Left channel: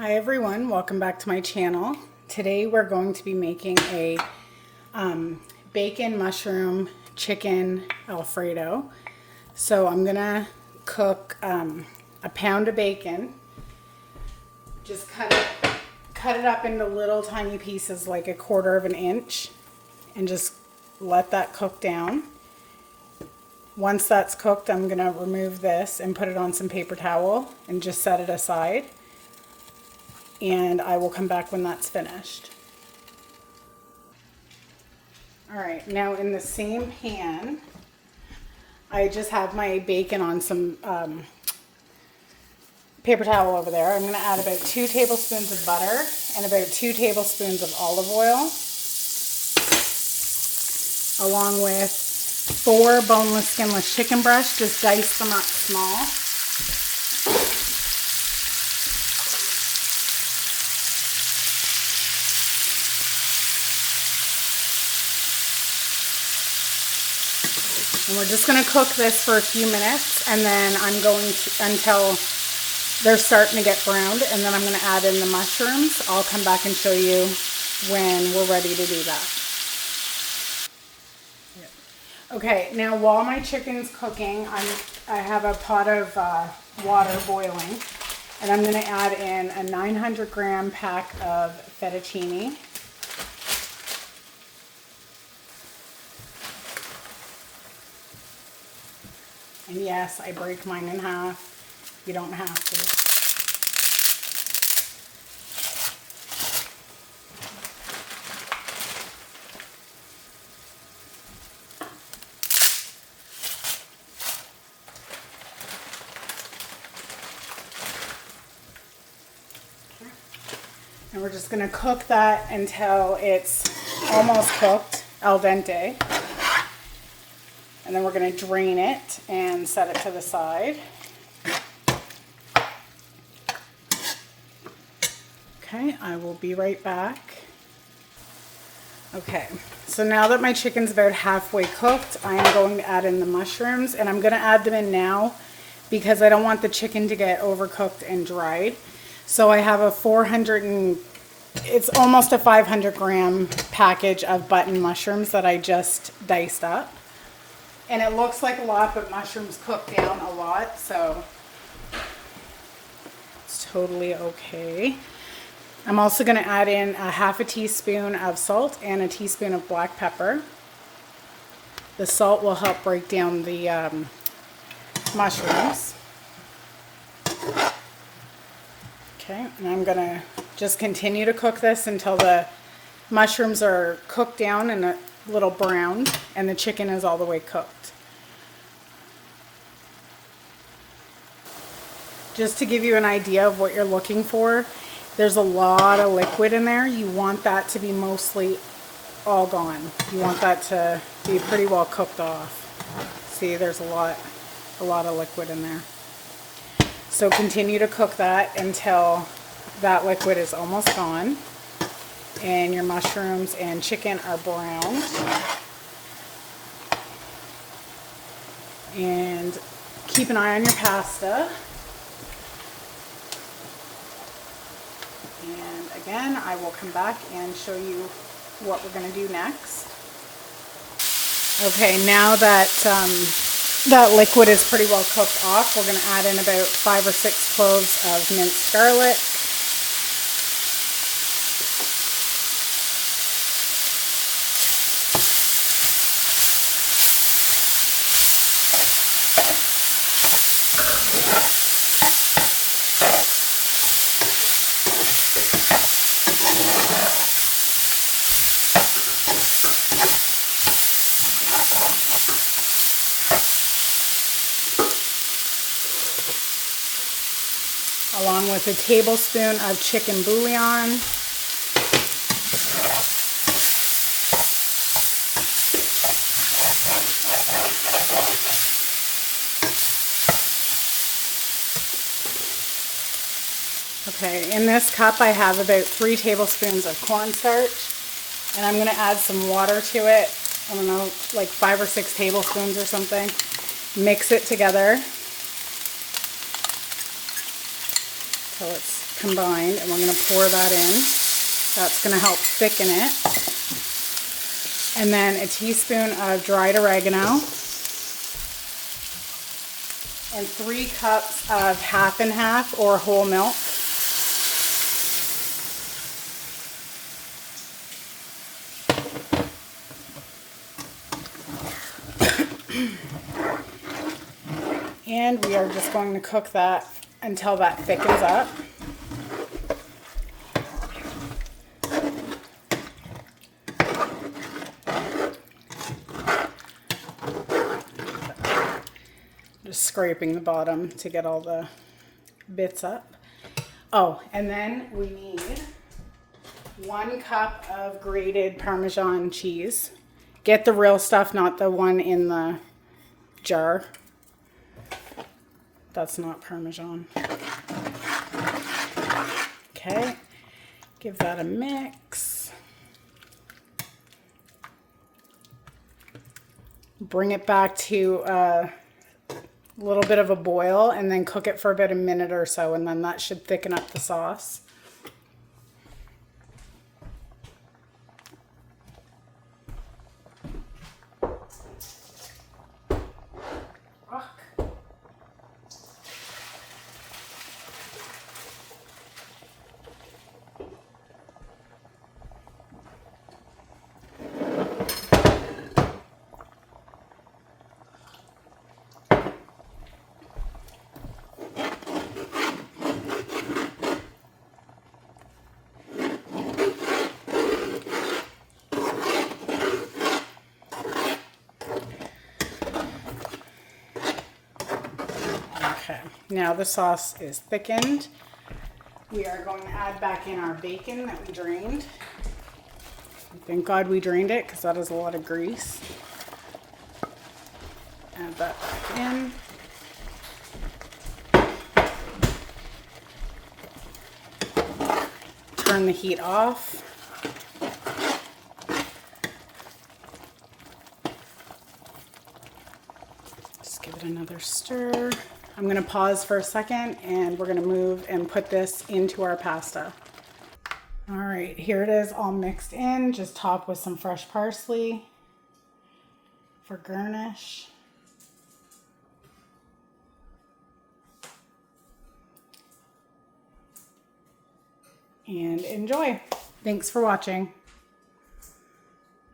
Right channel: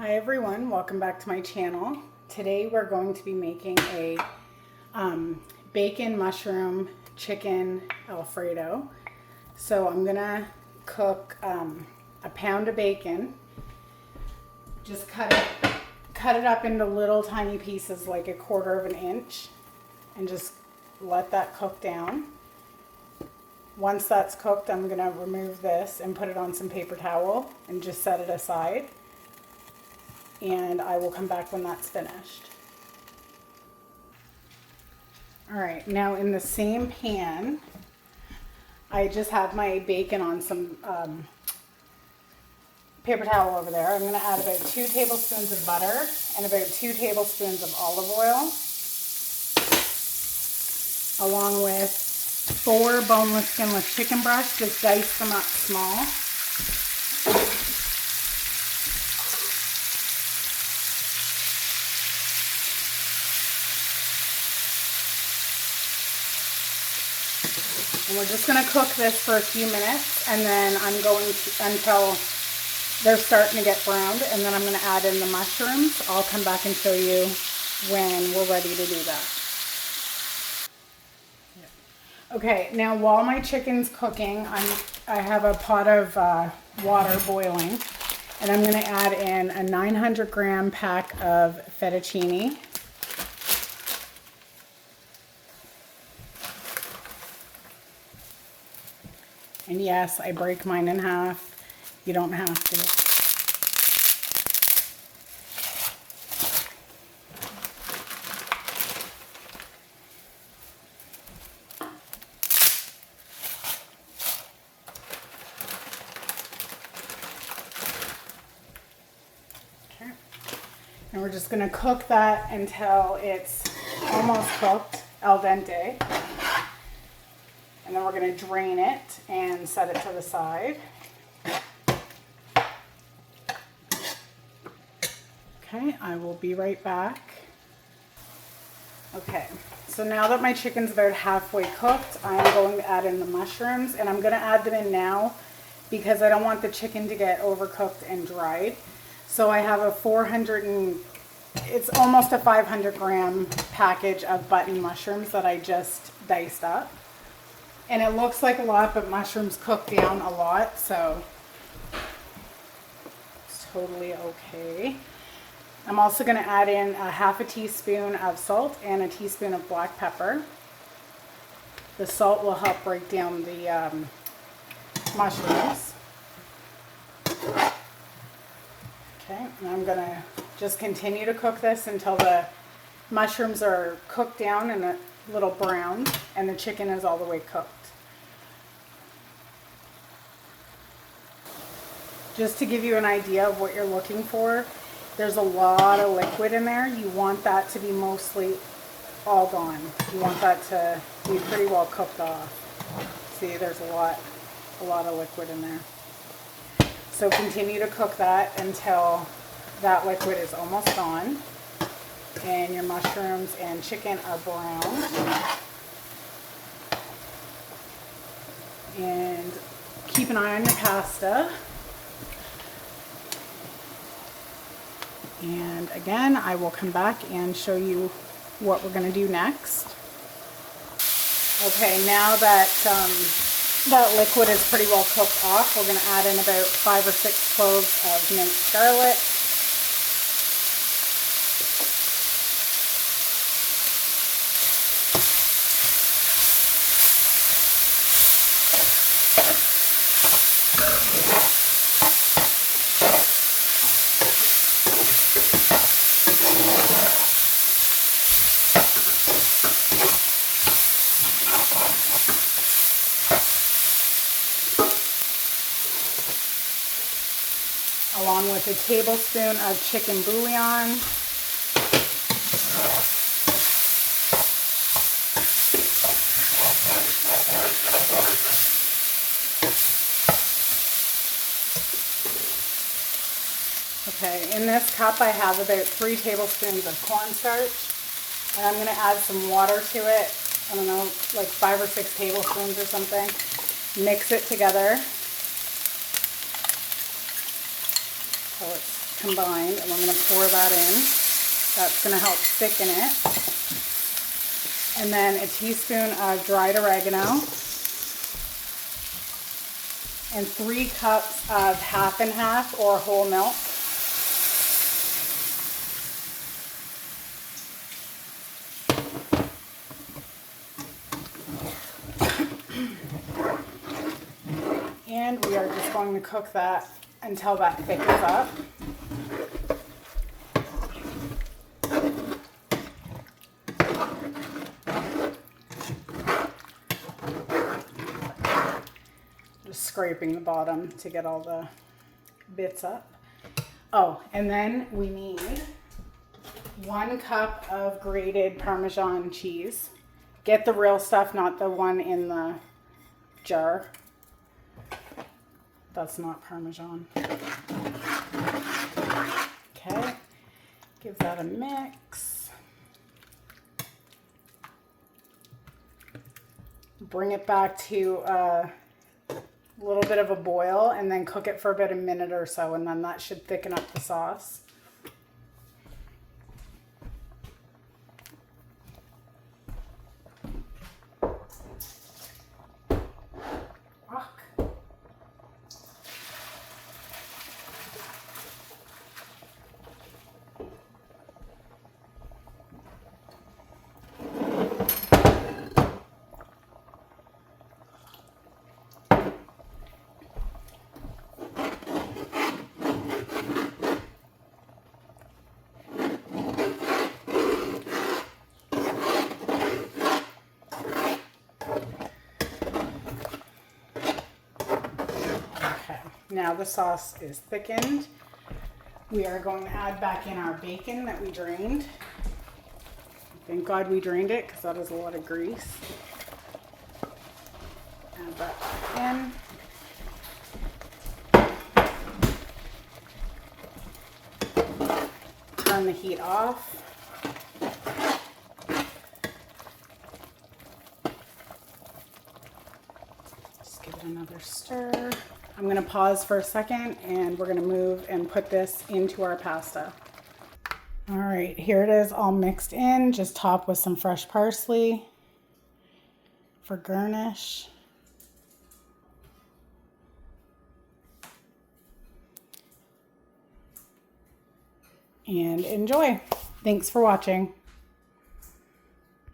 Hi everyone, welcome back to my channel. Today we're going to be making a bacon, mushroom, chicken Alfredo. So I'm gonna cook a pound of bacon. Just cut it up into little tiny pieces like 1/4 of an inch and just let that cook down. Once that's cooked, I'm gonna remove this and put it on some paper towel and just set it aside. And I will come back when that's finished. All right, now in the same pan, I just have my bacon on some paper towel over there. I'm gonna add about 2 tablespoons of butter and about 2 tablespoons of olive oil, along with 4 boneless, skinless chicken breasts. Just dice them up small. And we're just going to cook this for a few minutes, and then I'm going to, until they're starting to get browned, and then I'm going to add in the mushrooms. I'll come back and show you when we're ready to do that. Okay, now while my chicken's cooking, I have a pot of water boiling, and I'm going to add in a 900 gram pack of fettuccine. And yes, I break mine in half. You don't have to. Okay. And we're just going to cook that until it's almost cooked, al dente. And then we're going to drain it and set it to the side. Okay, I will be right back. Okay, so now that my chicken's about halfway cooked, I am going to add in the mushrooms, and I'm going to add them in now because I don't want the chicken to get overcooked and dried. So I have it's almost a 500 gram package of button mushrooms that I just diced up. And it looks like a lot, but mushrooms cook down a lot, so it's totally okay. I'm also going to add in a half a teaspoon of salt and a teaspoon of black pepper. The salt will help break down the mushrooms. Okay, and I'm going to just continue to cook this until the mushrooms are cooked down and a little browned and the chicken is all the way cooked. Just to give you an idea of what you're looking for, there's a lot of liquid in there. You want that to be mostly all gone. You want that to be pretty well cooked off. See, there's a lot of liquid in there. So continue to cook that until that liquid is almost gone and your mushrooms and chicken are browned. And keep an eye on your pasta. And again, I will come back and show you what we're going to do next. Okay, now that that liquid is pretty well cooked off, we're going to add in about 5 or 6 cloves of minced garlic. Along with a tablespoon of chicken bouillon. Okay, in this cup I have about 3 tablespoons of cornstarch, and I'm going to add some water to it. I don't know, like 5 or 6 tablespoons or something. Mix it together so it's combined, and we're going to pour that in. That's going to help thicken it. And then a teaspoon of dried oregano and 3 cups of half and half or whole milk. And we are just going to cook that until that thickens up. Just scraping the bottom to get all the bits up. Oh, and then we need 1 cup of grated Parmesan cheese. Get the real stuff, not the one in the jar. That's not Parmesan. Okay, give that a mix. Bring it back to a little bit of a boil and then cook it for about a minute or so, and then that should thicken up the sauce. Now the sauce is thickened. We are going to add back in our bacon that we drained. Thank God we drained it, because that is a lot of grease. Add that back in. Turn the heat off. Just give it another stir. I'm going to pause for a second, and we're going to move and put this into our pasta. All right, here it is all mixed in. Just top with some fresh parsley for garnish. And enjoy. Thanks for watching.